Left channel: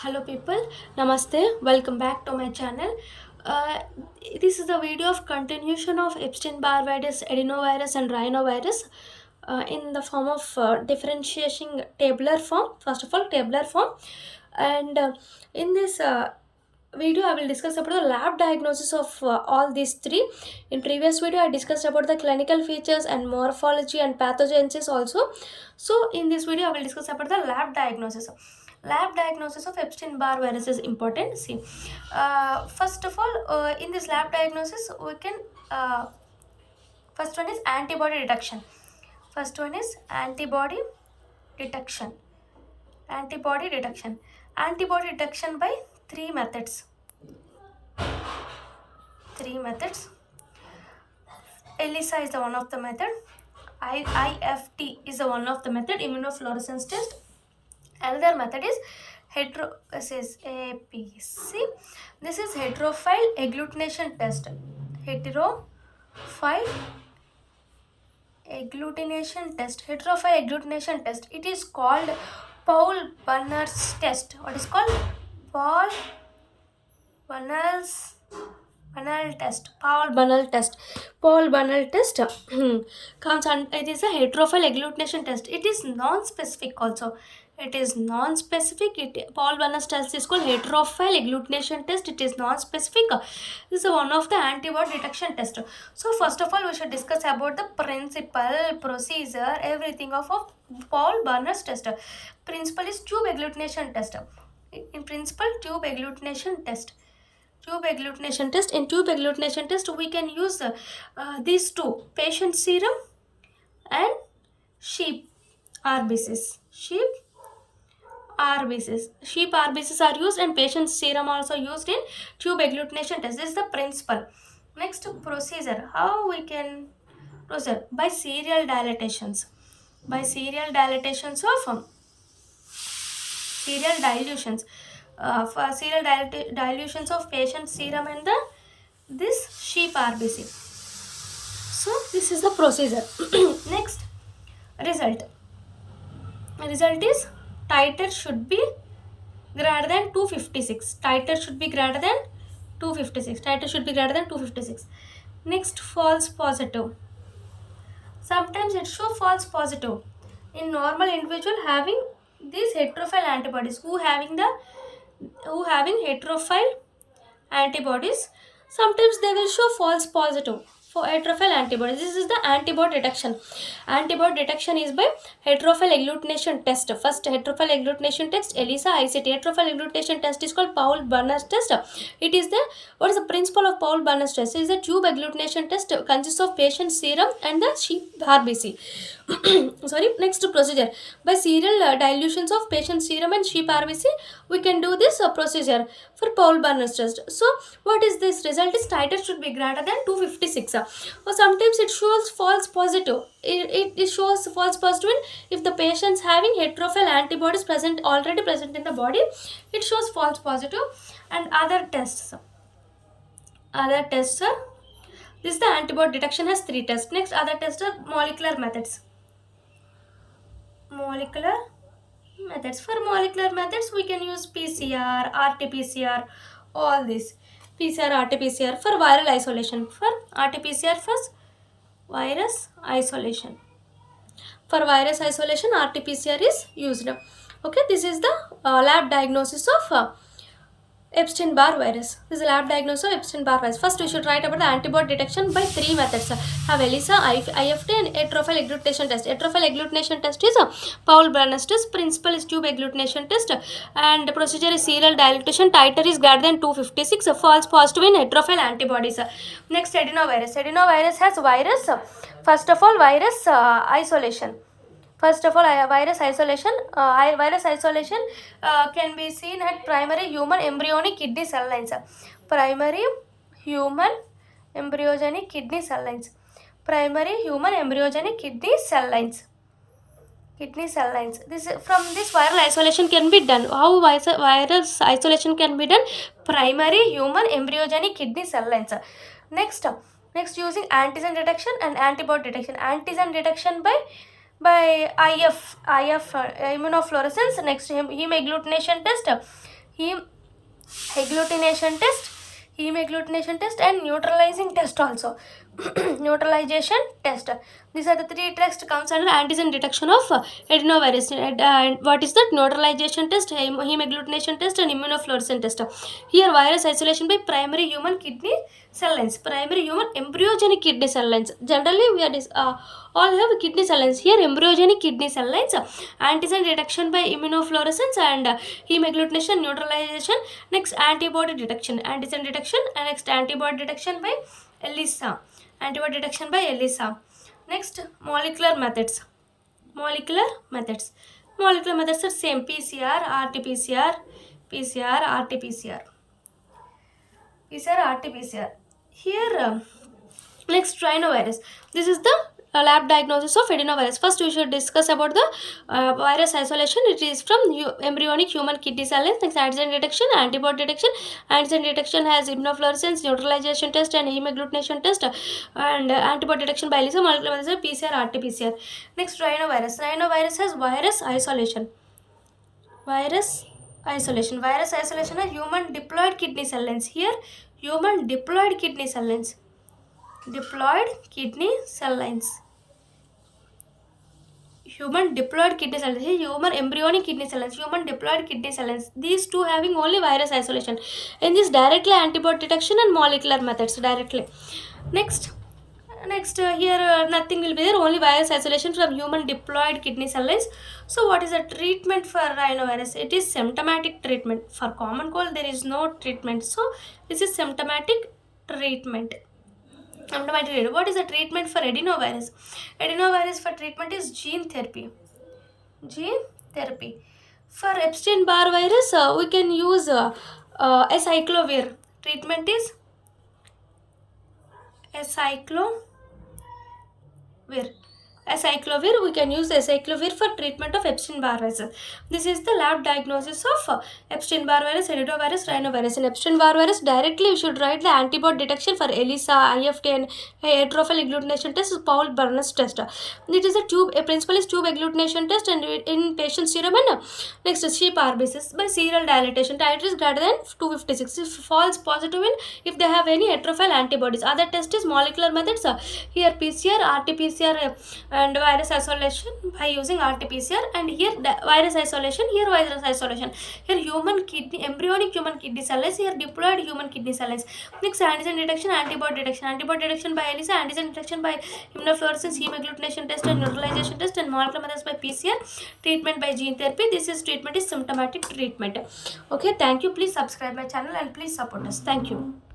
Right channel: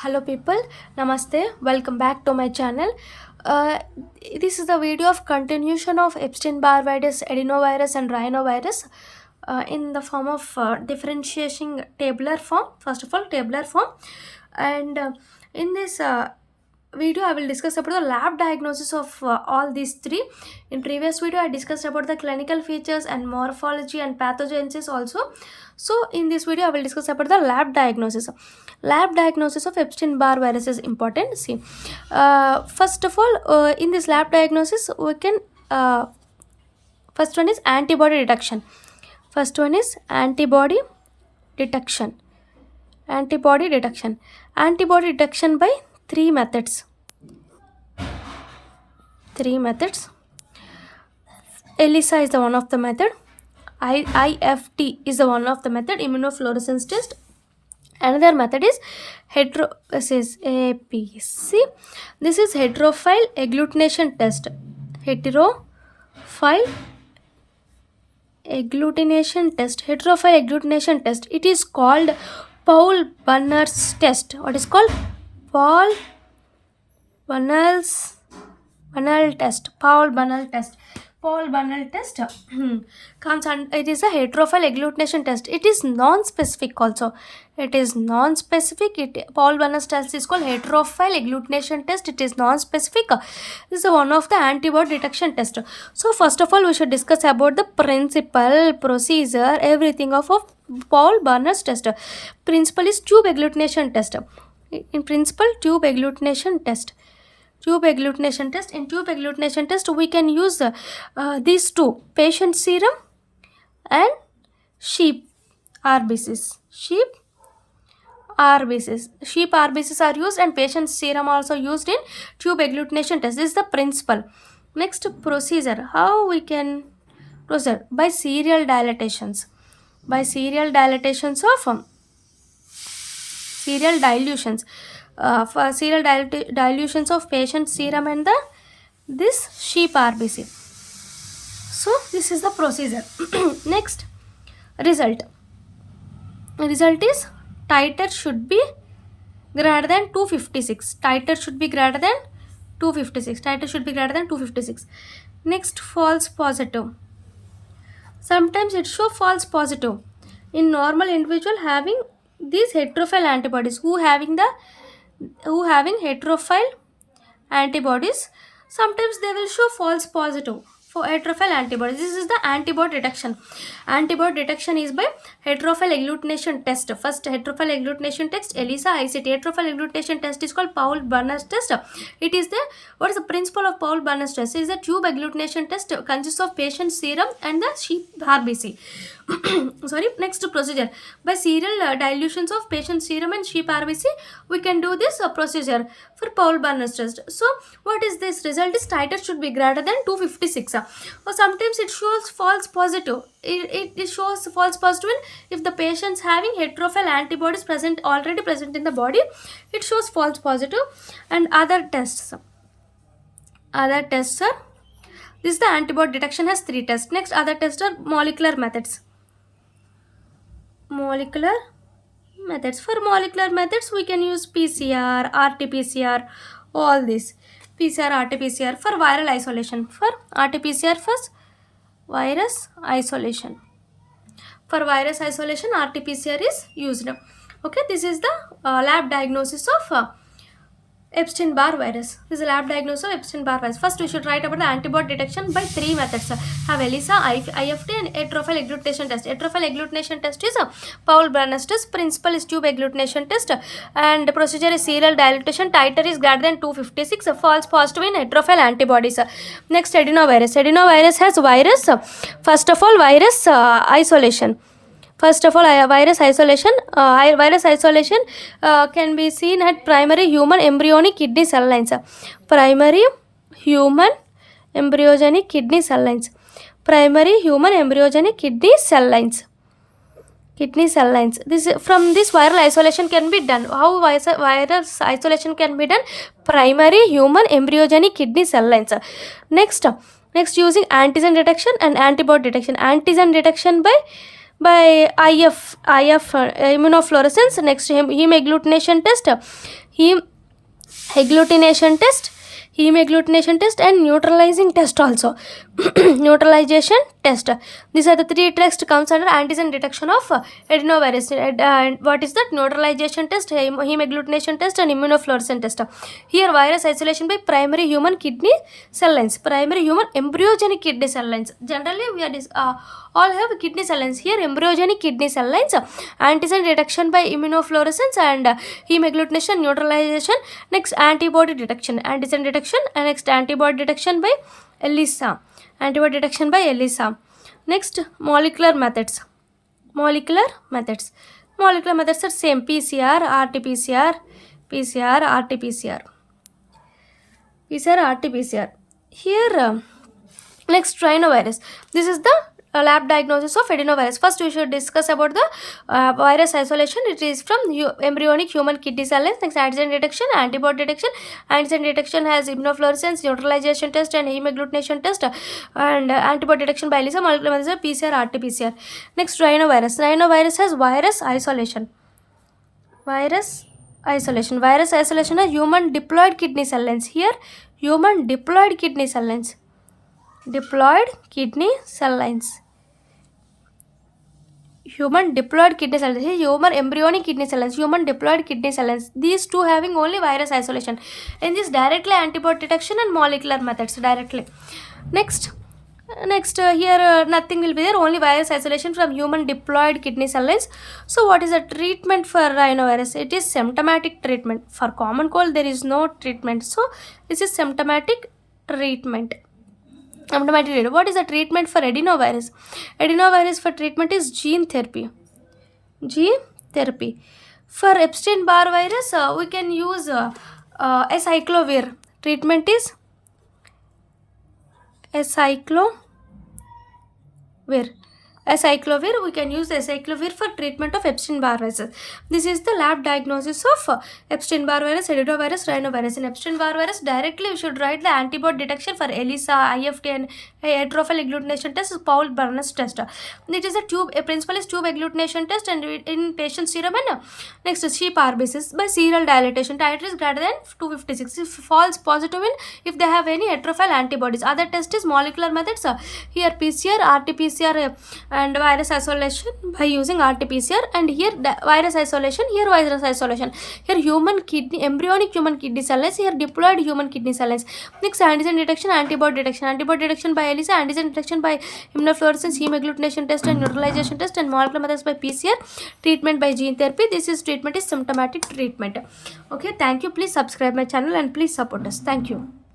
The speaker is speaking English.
Hello people, Namaste, welcome back to my channel. Uh, this is the video of continuation of Epstein-Barr virus, adenovirus and rhinovirus in the form of differentiating tabular form. First of all, tabular form. And in this video I will discuss about the lab diagnosis of all these three. In previous video I discussed about the clinical features and morphology and pathogenesis also. So in this video I will discuss about the lab diagnosis of Epstein-Barr virus is important. See, first of all, in this lab diagnosis we can first one is antibody detection. First one is detection antibody detection antibody detection by three methods. ELISA is the one of the method. IFT is the one of the method, immunofluorescence test. Another method is this is APC. This is heterophile agglutination test. Heterophile agglutination test. It is called Paul-Bunner's test. What is called? Paul-Bunner's Paul-Bunner test comes and it is a heterophile agglutination test. It is non-specific also. Paul-Bunner test is called heterophile agglutination test. It is non-specific. This is one of the antibody detection test. So first of all we should discuss about the principle, procedure, everything of Paul-Bunner's test. Principle is tube agglutination test. In principle, tube agglutination test. In tube agglutination test we can use these two, patient serum and sheep RBCs. Sheep RBCs are used and patient serum also used in tube agglutination test. This is the principle. Next, procedure. How we can proceed? By serial dilatations of serial dilutions. For serial dilutions of patient serum and this sheep RBC. So this is the procedure. Next, result is titer should be greater than 256. Next, false positive. Sometimes it show false positive in normal individual having these heterophile antibodies. Who having heterophile antibodies, sometimes they will show false positive for heterophile antibodies. This is the antibody detection. Antibody detection is by heterophile agglutination test. First, heterophile agglutination test, ELISA, ICT. Heterophile agglutination test is called Paul-Bunner test. It is what is the principle of Paul-Bunner test? It is a tube agglutination test, consists of patient serum and the sheep RBC. Sorry. Next, procedure. By serial dilutions of patient serum and sheep RBC, we can do this procedure for Paul-Bunner test. So what is this result? Is titer should be greater than 256. Or sometimes it shows false positive. It shows false positive if the patient's having heterophile antibodies already present in the body. It shows false positive. And other tests are, this is the antibody detection has three tests. Next, other tests are molecular methods. For molecular methods we can use PCR, RT-PCR, all this. PCR, RT-PCR for viral isolation. For RT-PCR first, virus isolation. For virus isolation, RT-PCR is used. Okay, this is the lab diagnosis of Epstein-Barr virus. This is lab diagnosis of Epstein-Barr virus. First, we should write about the antibody detection by three methods. Have ELISA, IFT, and heterophile agglutination test. Heterophile agglutination test is Paul-Bunner test. Principle is tube agglutination test, and the procedure is serial dilatation. Titer is greater than 256. False positive in heterophile antibodies. Next, adenovirus. Adenovirus has virus. First of all, virus isolation. Virus isolation can be seen at primary human embryonic kidney cell lines. Primary human embryogenic kidney cell lines. From this viral isolation can be done. How virus isolation can be done? Primary human embryogenic kidney cell lines. Next using antigen detection and antibody detection. Antigen detection by by IF immunofluorescence. Next, heme agglutination test, heme agglutination test, heme agglutination test, and neutralizing test also. Neutralization test. These are the three tests comes under antigen detection of adenovirus. And what is that? Neutralization test, heme agglutination test, and immunofluorescence test. Here, virus isolation by primary human kidney cell lines, primary human embryogenic kidney cell lines. Generally, we are all have kidney cell lines. Here, embryogenic kidney cell lines, antigen detection by immunofluorescence, and heme agglutination, neutralization. Next, antibody detection, antigen detection, and next antibody detection by ELISA. Antibody detection by ELISA. Next, molecular methods. Molecular methods. Molecular methods are same: PCR, RT-PCR, PCR, RT-PCR. PCR, RT-PCR. Here, next, rhinovirus. This is the lab diagnosis of adenovirus. First, we should discuss about the virus isolation. It is from embryonic human kidney cell lines. Next, antigen detection, antibody detection. Antigen detection has immunofluorescence, neutralization test, and heme agglutination test, and antibody detection by ELISA. Molecular methods are PCR, RT-PCR. Next, rhinovirus. Rhinovirus has virus isolation. Virus isolation. Virus isolation has human diploid kidney cell lines. Here, human diploid kidney cell lines. Diploid kidney cell lines. Human diploid kidney cell lines. Human embryonic kidney cell lines. Human diploid kidney cell lines. These two having only virus isolation. In this, directly antibody detection and molecular methods directly. Next, here nothing will be there, only virus isolation from human diploid kidney cell lines. So what is the treatment for rhinovirus? It is symptomatic treatment. For common cold there is no treatment, so this is symptomatic treatment. What is the treatment for adenovirus? Adenovirus for treatment is gene therapy. Gene therapy. For Epstein-Barr virus, we can use acyclovir. Treatment is acyclovir. Acyclovir, we can use acyclovir for treatment of Epstein-Barr virus. This is the lab diagnosis of Epstein-Barr virus, adenovirus, rhinovirus. In Epstein-Barr virus, directly we should write the antibody detection for ELISA, IFT, and neutrophil agglutination test is Paul Barnes test. It is a principal is tube agglutination test, and in patient serum, and next is sheep RBCs by serial dilatation. Titer is greater than 256. If false positive in, if they have any heterophile antibodies. Other test is molecular methods. Here PCR, RT-PCR, and virus isolation by using RT-PCR, and here virus isolation, here virus isolation, here human kidney, embryonic human kidney cell lines, here diploid human kidney cell lines. Next, antigen detection, antibody detection by ELISA, antigen detection by immunofluorescence, heme agglutination test, and neutralization test, and molecular methods by PCR. Treatment by gene therapy. This is treatment is symptomatic treatment. Okay, thank you. Please subscribe my channel and please support us. Thank you.